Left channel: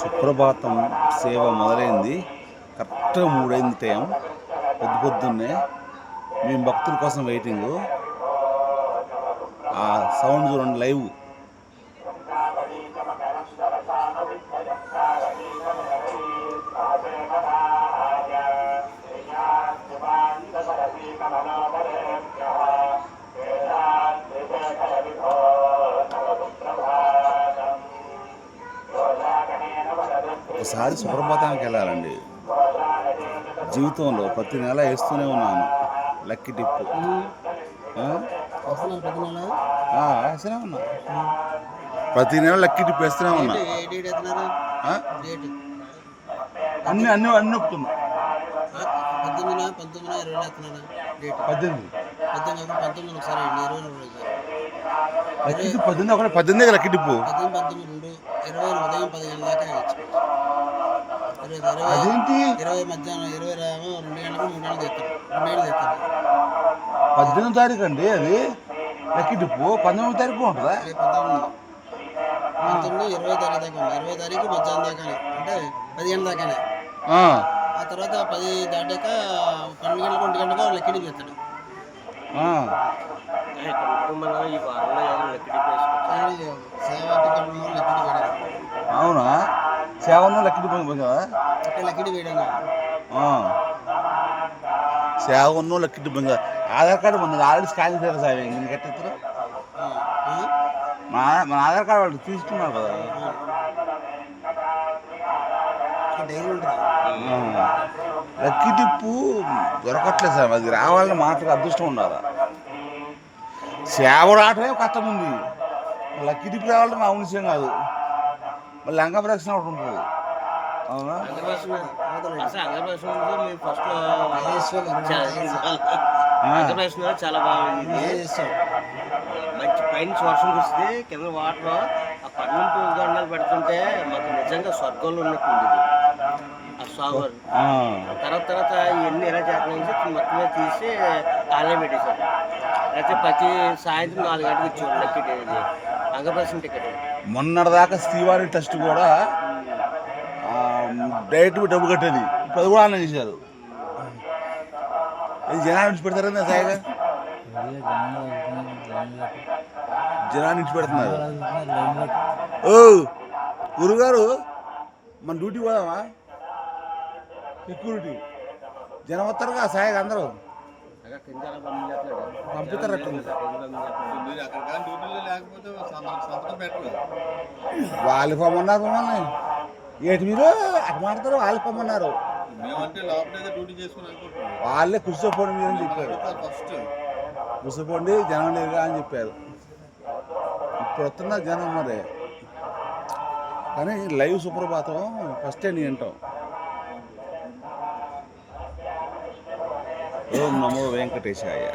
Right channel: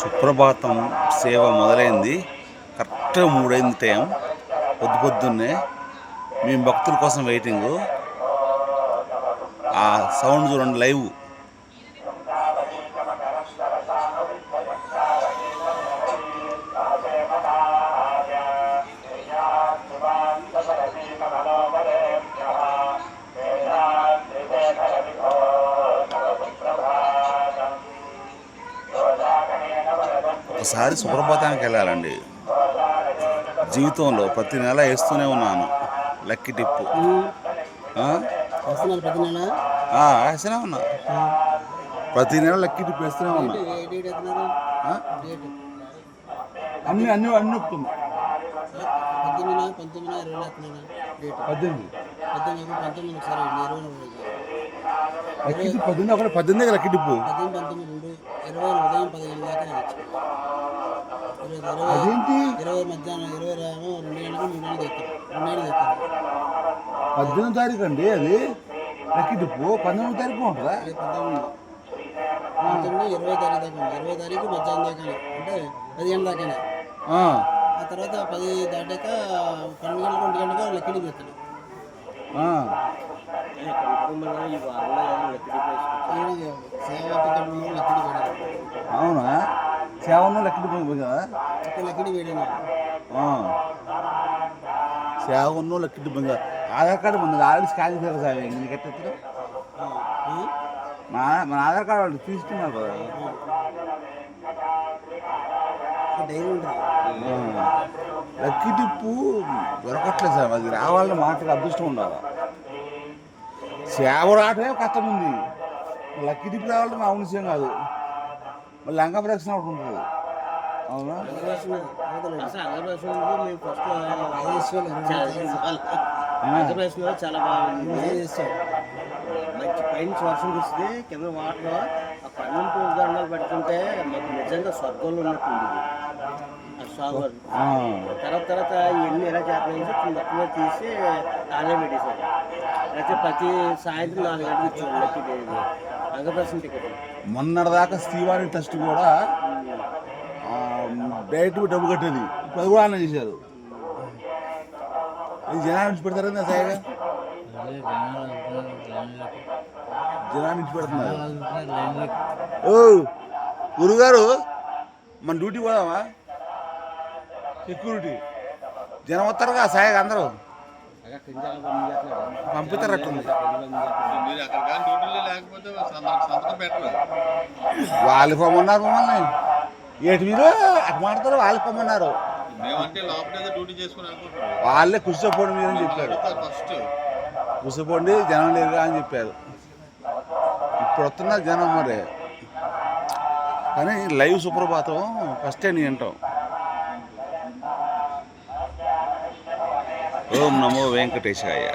సుప్రభాతం సేవ మొదలైంది. కరెక్ట్గా 3 అయింది టైం. పొద్దున్నే మేము భక్తుల కోసం వెయిటింగు. ఆ సౌండ్ చూడండి, లైవ్. ఒకసారి సుప్రభాతానికి వెళ్ళాలండి. జీవితంలో ప్రతి నెల వేస్తూనే ఉన్నాను లక్కీ టిప్పు. వేస్తూనే ఉన్నా, ప్రతి నెల లక్కీ టిప్ వేస్తూనే ఉన్నా. అన్ని అన్ని అన్ని ఒప్పుతున్నా. 18, 18 లక్కీ టిప్పు. 20 ఉదయం 10 గంటల దాకా అదేంటి 20 మధ్యాహ్నం 20 2 గంటలకు 3 గంటలు తెస్తారు. 2 గంటలు తెస్తారు. 18వ తారీఖు అండి అది లక్కీ టిప్పు. 19వ తారీఖు ఉంటుందా? 19, 20 తారీఖు దాకా ఉంది. 20 తారీఖు మధ్యాహ్నం దాకానే, అంటే 10 గంటల దాకానే. ఆ తర్వాత 10 దాటాక 12 గంటలకు 1 గంటకు లక్కీ టిప్ తెస్తాడు. అవునా? సేవను లక్కీ టిప్ కదా, లక్కీ టిప్ వేయడం. సేవను లక్కీ టిప్ కదా. ఆధార్ కార్డు మన ఆల్రెడీ స్కాన్ చేశారు సార్. ఇంక ఎట్లా మన ఆధార్ కార్డు వాళ్ళు తీసుకున్నారు కదా. లక్కీ టిప్పు దొరకట్లేదు సార్. అది రావాలని మాటగా అదృష్టం ఉండాలి. సేవ రావటమే కష్టం ఉంది. లక్కీ టిప్ రావాలంటే మా విషయం కాదు. మళ్ళీ లంగా ప్రదక్షిణ ఒకటి ఉంటుంది. అవునా? చాలా బాగుంది. మంచి పైన వర్షం కురిస్తే కింద వాటర్ ఆ పన్నెండు దండాలు పెడుతుంటే మాకు నిజంగా స్వర్గంలో ఉన్నట్టు ఉండేది ఆ స్వామివారు. తర్వాత ఇవన్నీ ఎలా చేస్తున్నాయి మొత్తం మీద తీసి ఆన్లైన్ పెట్టేశారు. అయితే ప్రతి సాయంత్రం 4 గంటలకు ఇచ్చేవాళ్ళు లక్కీ అంగప్రదర్శన టికెట్. మొన్నటిదాకా శ్రీవారి టెస్ట్ కూడా డైరెక్ట్ డబ్బు కట్టేది. ఇప్పుడు అది కూడా ఆన్లైన్ చేశారు. అది జనాన్ని నుంచి పెడతారా సాయిగా? జనాన్ని నుంచి పెడుతున్నారు. ఓ గురుగారు, మన డ్యూటీ పోదామా? సెక్యూరిటీ జనం వస్తారుగా సాయిగా, అందరూ పంపిస్తారట్టుంది. వాళ్ళు పొమ్మన్నారు మమ్మల్ని. ఏటి మీరు అటు మాట్లాడతారు? వాళ్ళు పొమ్మన్నారు. వాళ్ళే కూర్చోపోండి మీరు అని చెప్పారు. కూర్చోపోండి, జనం లేదుగా అని చెప్పారు. ఇప్పుడు వస్తున్నారు జనం మరి. కానీ లైవ్ సుప్రభాతం ఫస్ట్ టైం వింటాం. ఓం నమో వెంకటేశాయ.